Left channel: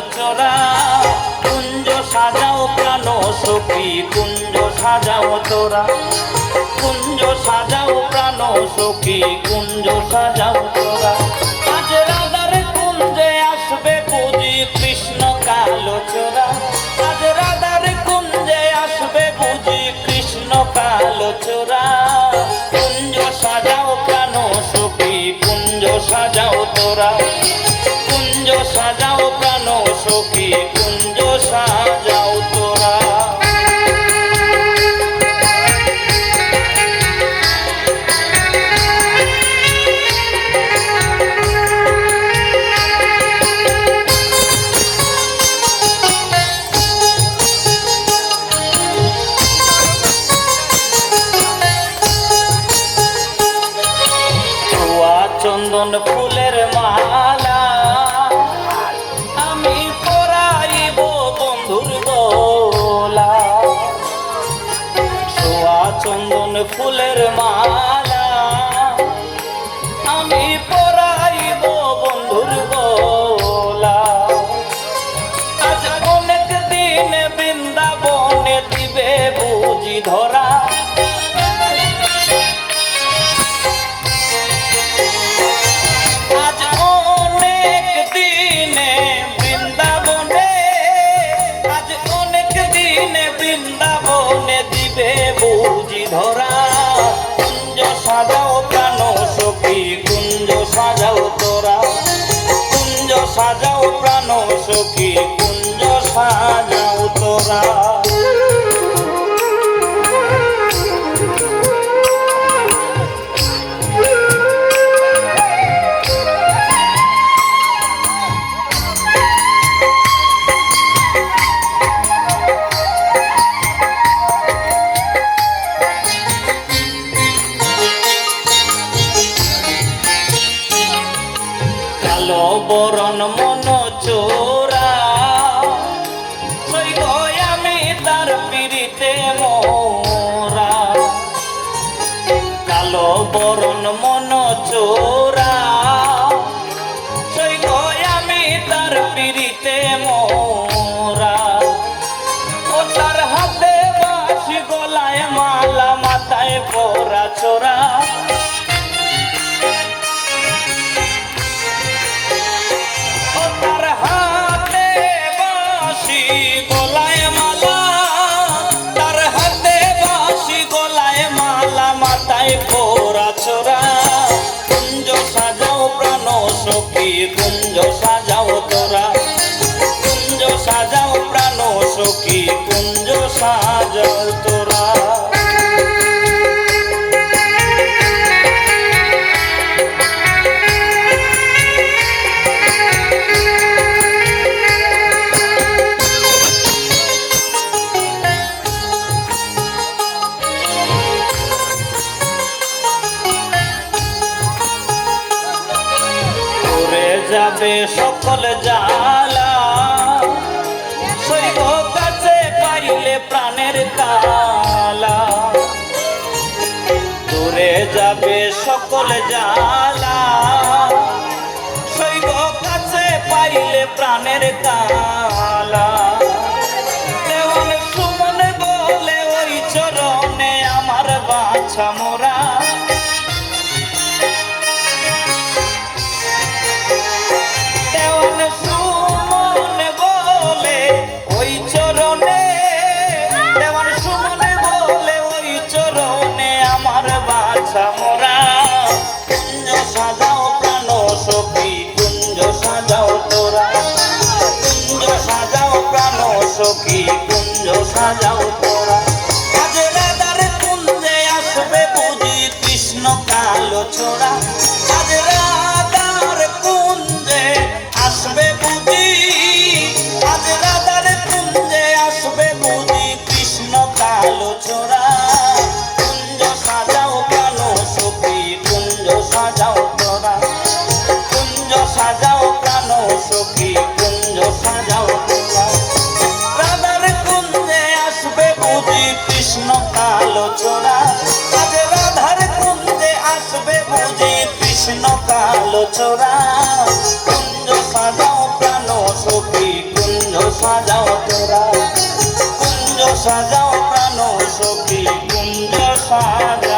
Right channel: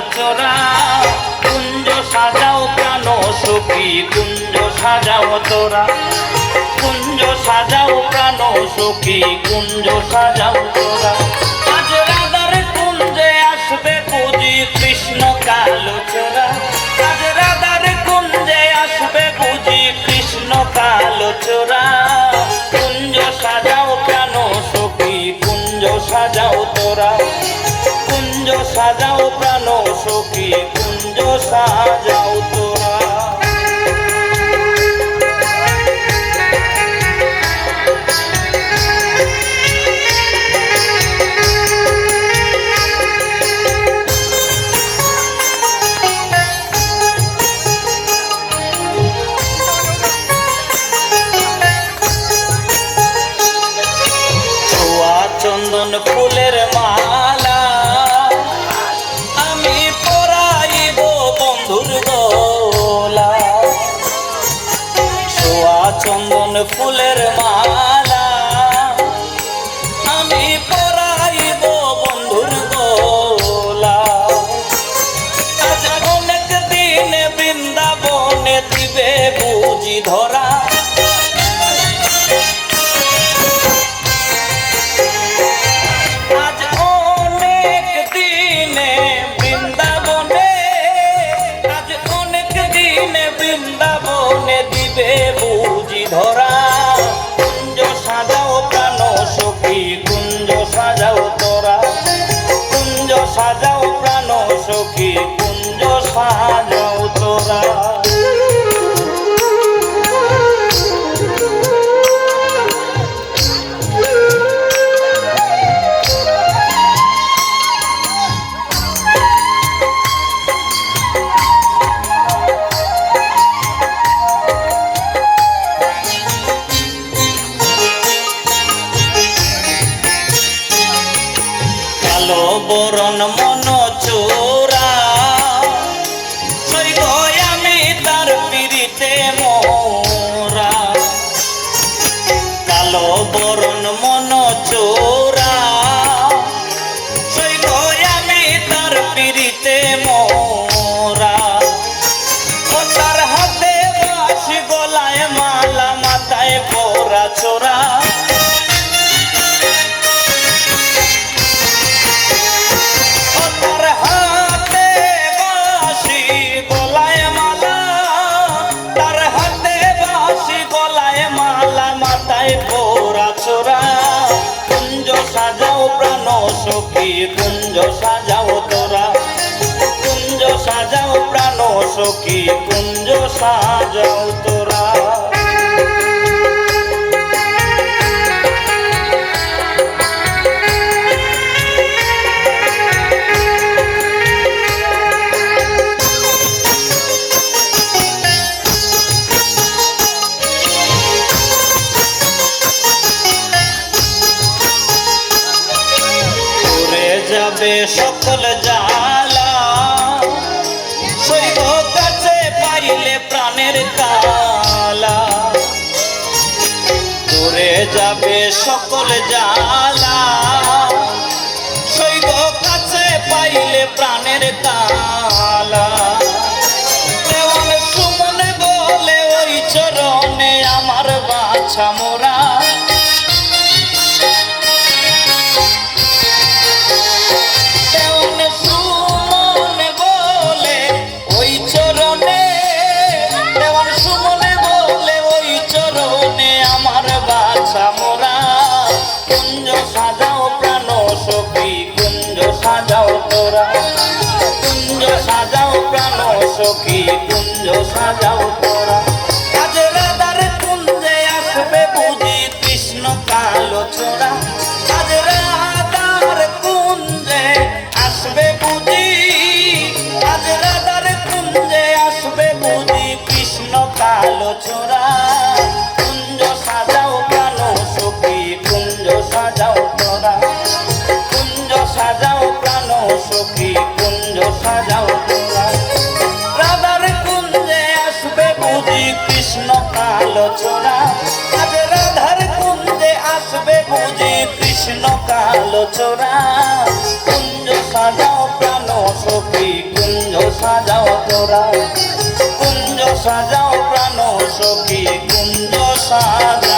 চোরা। কুঞ্জ সাজাও প্রাণ সখী কুঞ্জ সাজাও তোরা, কুঞ্জ সাজাও প্রাণ সখী কুঞ্জ সাজাও তোরা। আজ রাধার কুঞ্জে আসবে বুঝি কৃষ্ণ কালো চোরা, আজ রাধার কুঞ্জে আসবে বুঝি কৃষ্ণ কালো চোরা। কুঞ্জ সাজাও প্রাণ সখী কুঞ্জ সাজাও তোরা, কুঞ্জ সাজাও প্রাণ সখী কুঞ্জ সাজাও তোরা। চন্দন ফুলের মালা আমি পরাইব বন্ধুর গলা, ছোয়া চন্দন ফুলের মালা আমি পরাইব বন্ধুর গলা। আজ অনেক দিনে বৃন্দাবনে দিবে বুঝি ধরা, বৃন্দাবনে দিবে বুঝি ধরা। কুঞ্জ সাজাও প্রাণ সখী কুঞ্জ সাজাও তোরা, কুঞ্জ সাজাও প্রাণ সখী কুঞ্জ সাজাও তোরা। বরণ মন চোরা সইব আমি তার পিড়িতে মোরা, কালো বরণ মন চোরা সইব আমি তার পিড়িতে মোরা। ও তার হাতে বাঁশি গলায় মালা মাথায় পরা চোরা, কুঞ্জ সাজাও প্রাণ সখী কুঞ্জ সাজাও তোরা, কুঞ্জ সাজাও প্রাণ সখী কুঞ্জ সাজাও তোরা। যাবে সকল জালা সইব কাছে পাইলে প্রাণের কালা, দূরে যাবে সকল জালা সইব কাছে পাইলে প্রাণের কালা। সুমনে বলে ওই চরণে আমার বাছা মোরা, কুঞ্জ সাজাও প্রাণ সখী কুঞ্জ সাজাও তোরা, কুঞ্জ সাজাও প্রাণ সখী কুঞ্জ সাজাও তোরা। আজ রাধার কুঞ্জে আসবে বুঝি কৃষ্ণ কালো চোরা, আজ রাধার কুঞ্জে আসবে বুঝি, আজ রাধার কুঞ্জে আসবে বুঝি কৃষ্ণ কালো চোরা। কুঞ্জ সাজাও প্রাণ সখী কুঞ্জ সাজাও তোরা, কুঞ্জ সাজাও প্রাণ সখী কুঞ্জ সাজাও তোরা। রাধার কুঞ্জে আসবে বুঝি কৃষ্ণ কালো চোরা, আজ রাধার কুঞ্জে আসবে বুঝি কৃষ্ণ কালো চোরা। কুঞ্জ সাজাও প্রাণ সখী। সাজাও প্রাণ সখী কুঞ্জ সার